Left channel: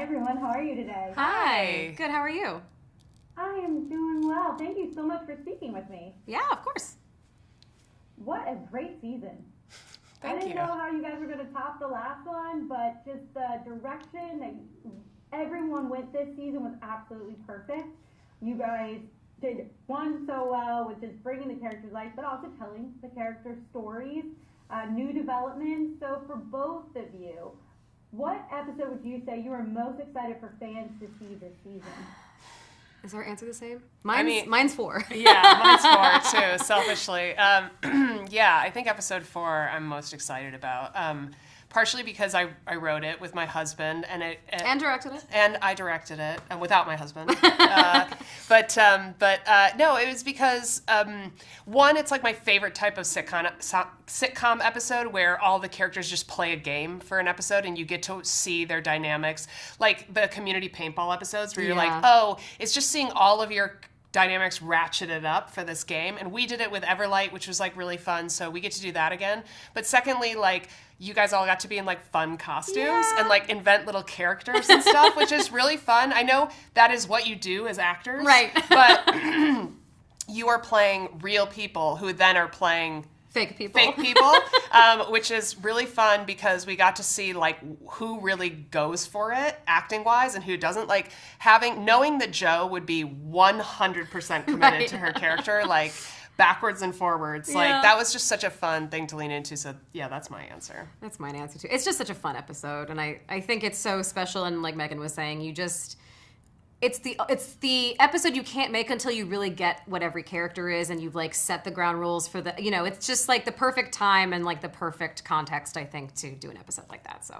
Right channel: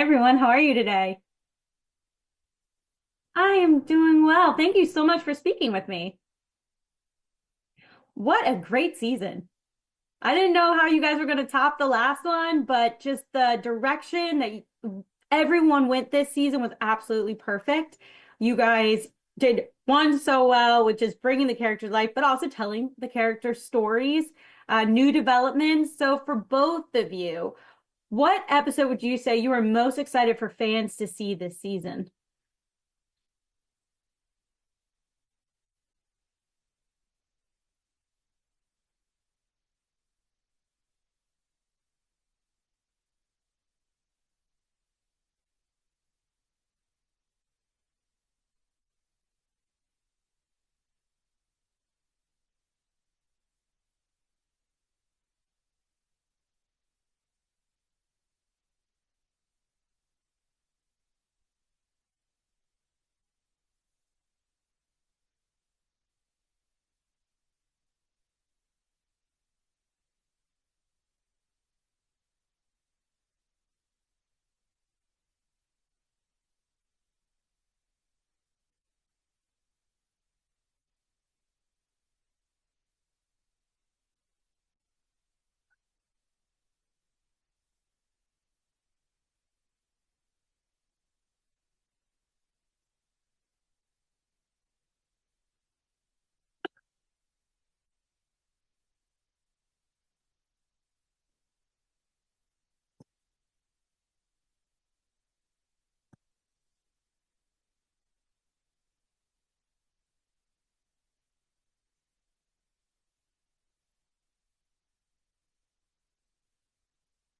Hi, everyone. How are you today? Hi. Hi. Good. How are you? I am doing well. Thank you so much for speaking with me. Yeah, of course. What a great season. I Thank didn't you. know how you guys were going to top the last one, but just the direction that everyone went this season was absolutely perfect. You guys did one so well, which is bringing the characters to life, but also telling the character stories, new developments. So, for both of you, what episode would you say you are most excited for fans to see this season? Is our answer the same? I Mine's mean- mine's four. Yeah, mine's four too, selfishly. Yeah, I think episode 4 I'm most excited about. Partially because I wrote it with my husband And directed it. and I directed it and without my husband. But no, it was because one, it's like my favorite type of sitcom episode where all the characters just play a game for an episode and you get to see their dynamics, like the community paintball episodes where you're like, Yeah. oh, it's just seeing all of your dynamics ratcheted up for this game. And we did it with Everlight, which was like really fun, so we get to do that again. But secondly, like, you guys all got to be in like fun costumes and like invent little characters and stuff, which is really fun. I know that is what you do as actors, Right. But you are playing real people who then are playing Fake people. fake people, which is really fun because we got to see like who really goes for it acting wise and who doesn't. Like knowing that Joe would be 100% committed Right. to her character, like backwards and forwards. Like Yeah. that was just such a fun thing to lean into. So yeah, that's my answer. That's my answer too. It's just such a fun episode, and I think it's so special. And like Megan was saying, it's the episode you can't make until you really get what every character is, and you've like set the ground rules for the. It's just like the perfect time and like the perfect context, I think, to do an episode like that. So.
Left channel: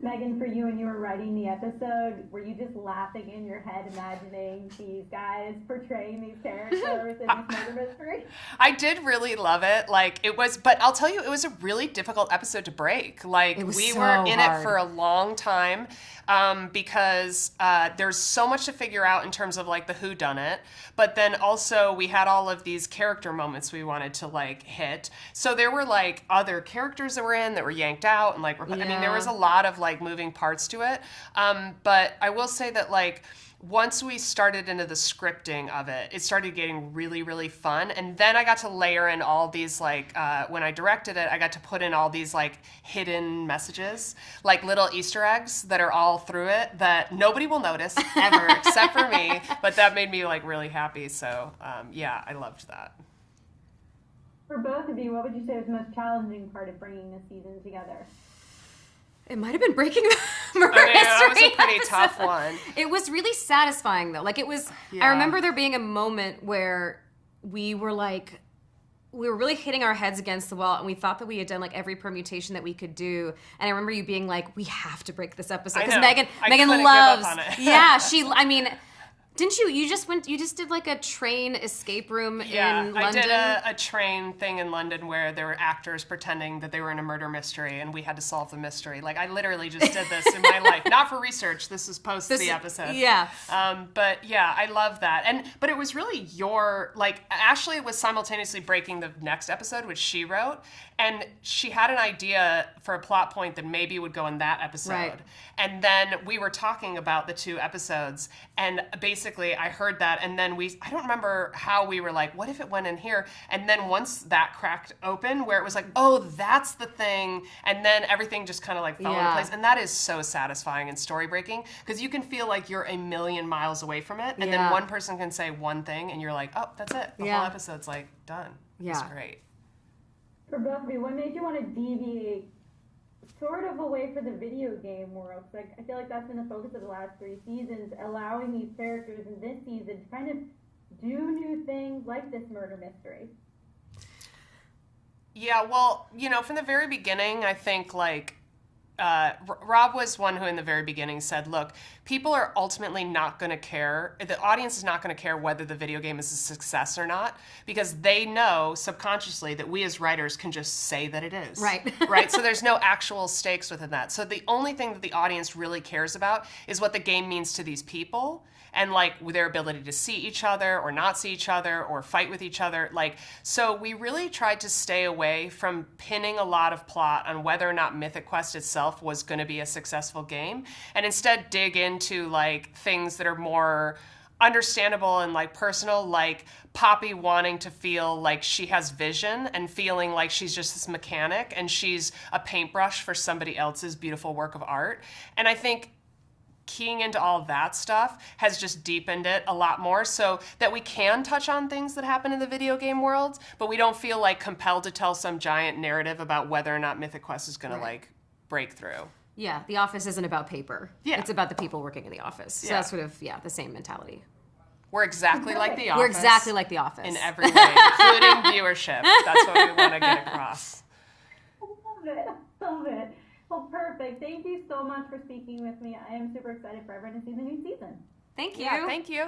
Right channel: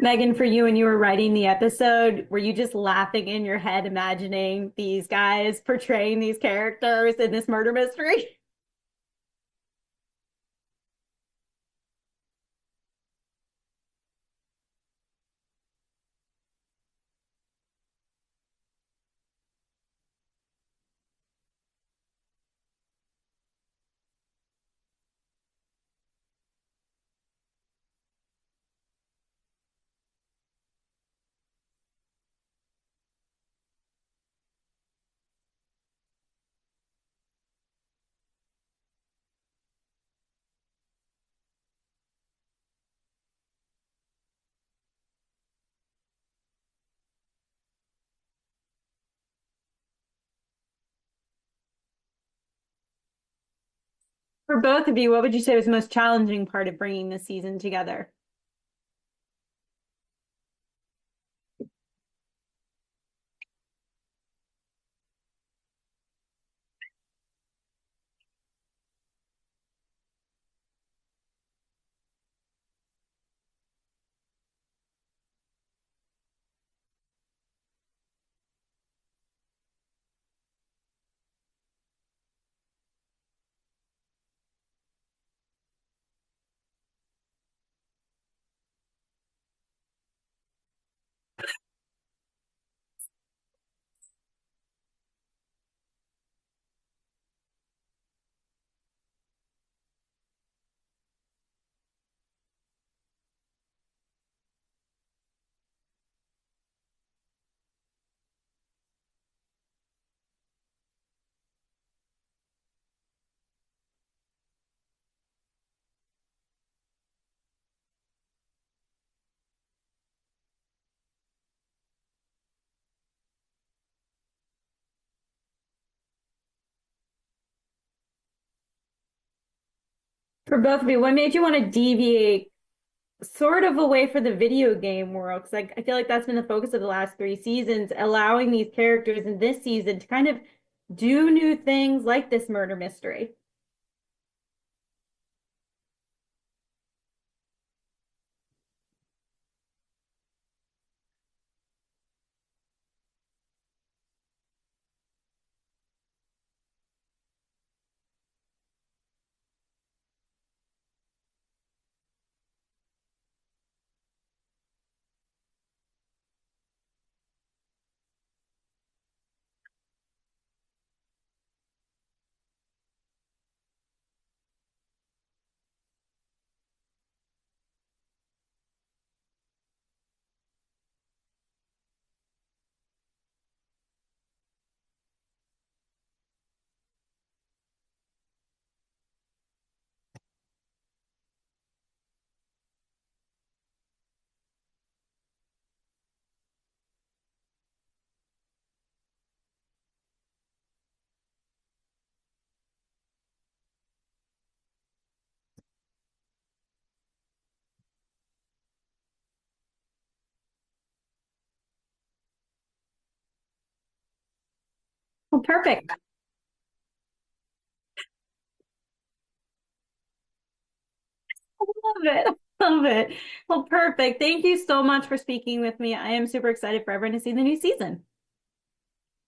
Megan, for you, when you were writing the episode, were you just laughing in your head, imagining these guys portraying these characters in this murder mystery? I did really love it. Like it was, but I'll tell you, it was a really difficult episode to break. Like It was we so were in hard. it for a long time because there's so much to figure out in terms of like the whodunit. But then also we had all of these character moments we wanted to like hit. So there were like other characters that were in that were yanked out, and like I mean there Yeah. was a lot of like moving parts to it. But I will say that like once we started into the scripting of it, it started getting really, really fun. And then I got to layer in all these, like, when I directed it, I got to put in all these, like, hidden messages, like little Easter eggs that are all through it that nobody will notice ever except for me. But that made me, like, really happy. So, yeah, I loved that. For both of you, what would you say was the most challenging part of bringing this season together? It might have been breaking the murder I mean, that was mystery a pretty episode. tough one. It was really satisfying though. Like it was. Yeah. I remember there being a moment where we were really hitting our heads against the wall, and we thought that we had done like every permutation that we could do. And I remember you being like, "We have to break this episode," I because know. Megan I Megan couldn't give up loves. on it. Yeah, I mean. Didn't you? You just did like a train escape room Yeah, in I London. did a train thing in London where there were actors pretending that they were in a murder mystery and we had to solve the mystery. Like, I literally just did this in my life. Not for research. This is post the episode. Yeah. But yeah, I love that. But it was really Ashley was simultaneously breaking the next episode, which she wrote. And she had an idea for a plot point that maybe would go in that episode. Right. And then we were talking about the two episodes, and basically I heard that, and then I don't remember how we were like, what if it went in here? And then once that cracked open, where it was like, oh, that's the thing, and then everything just kind of like fell into Yeah. place. And that is so satisfying and story breaking, because you can feel like you're a million miles away from it, and then Yeah. one person can say one thing, and you're like, oh, that's it. The Yeah. whole episode's like done. Yeah. It's great. For both of you, what made you want to deviate sort of away from the video game world? Because I feel like that's been the focus of the last 3 seasons, allowing these characters in this season to kind of do new things like this murder mystery. Yeah, well, from the very beginning, I think Rob was one who in the very beginning said, look, people are ultimately not going to care. The audience is not going to care whether the video game is a success or not, because they know subconsciously that we as writers can just say that it is. Right. Right? So there's no actual stakes within that. So the only thing that the audience really cares about is what the game means to these people, and like their ability to see each other or not see each other or fight with each other. So we really tried to stay away from pinning a lot of plot on whether or not Mythic Quest itself itself was going to be a successful game, and instead dig into like things that are more understandable and like personal, like Poppy wanting to feel like she has vision and feeling like she's just this mechanic and she's a paintbrush for somebody else's beautiful work of art. And I think keying into all that stuff has just deepened it a lot more, so that we can touch on things that happen in the video game world, but we don't feel like compelled to tell some giant narrative about whether or not Mythic Quest is going to like break through. Yeah, the office isn't about paper. Yeah. It's about the people working in the office. So that's sort of, the same mentality. We're exactly like the office. We're exactly like the office. In every way, including viewership. That's what we want to get across. Love it. Love it. Well, perfect. Thank you so much for speaking with me. I am super excited for everyone to see the new season. Thank you. Yeah, thank you.